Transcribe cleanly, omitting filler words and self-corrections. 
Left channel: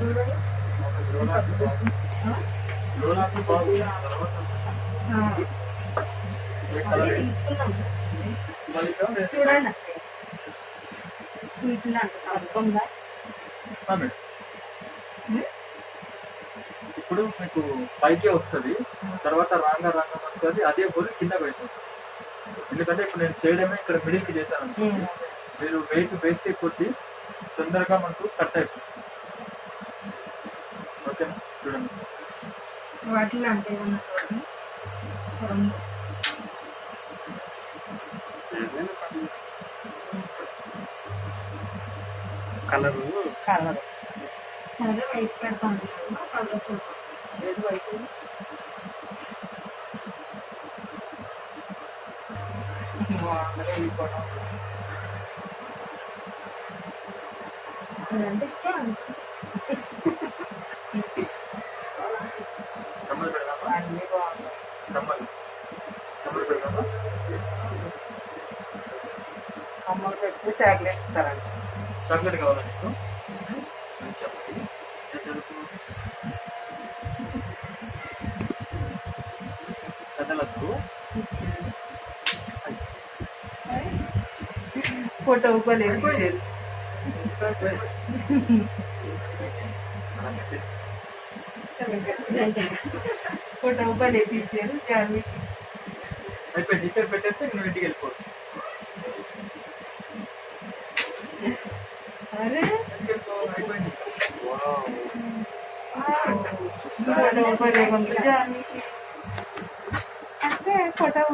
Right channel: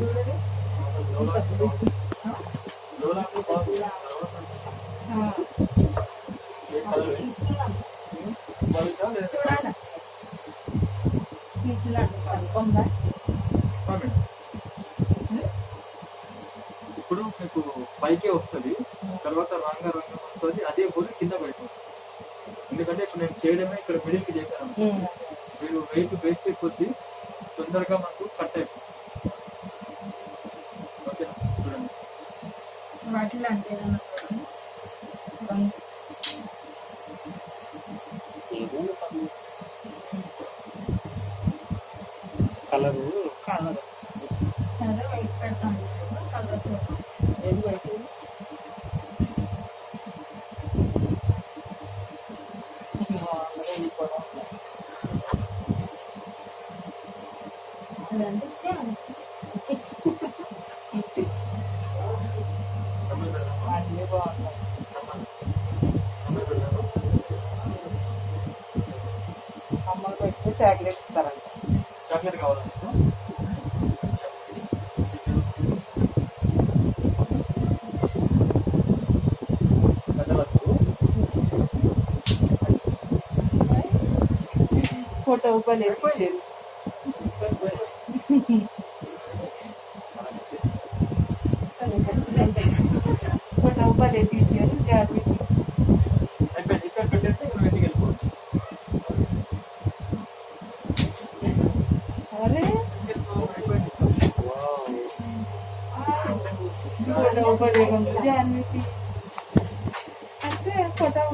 చూడండి ఇప్పుడు మీకు పైకే వస్తుంది, తర్వాత రాంగా వస్తుంది, అదే బోల్ కింద పెడుతుంది. ఎందుకంటే ఇప్పుడు నేను చేయడమే ఇక్కడ మిడిల్కి చేశాను, మీరు వెయిట్ వేసే కొద్దీ తొందరగా మనకు కట్ అయిపోతుంది. ఓకే చూడండి. వాటిలో అంటే కలరు అదే వైట్ పెడతాను. కలర్ ఏది వైట్ అదంటే ఇచ్చాను. అన్నీ బాగుంటాయి. అమ్మలు పెడితే చాక్లెట్ ఇస్తారంట. చాక్లెట్ కావాలా నీకు? ఫోటో లేదు ఫోటో తీసారు. అయిపోయింది, ఇక్కడ పెట్టేస్తే నువ్వు ఇంటికి వెళ్ళిపోవచ్చు. అరే అయిపోయింది. ఫోటో జాన్వీకి అంటే ఫోటో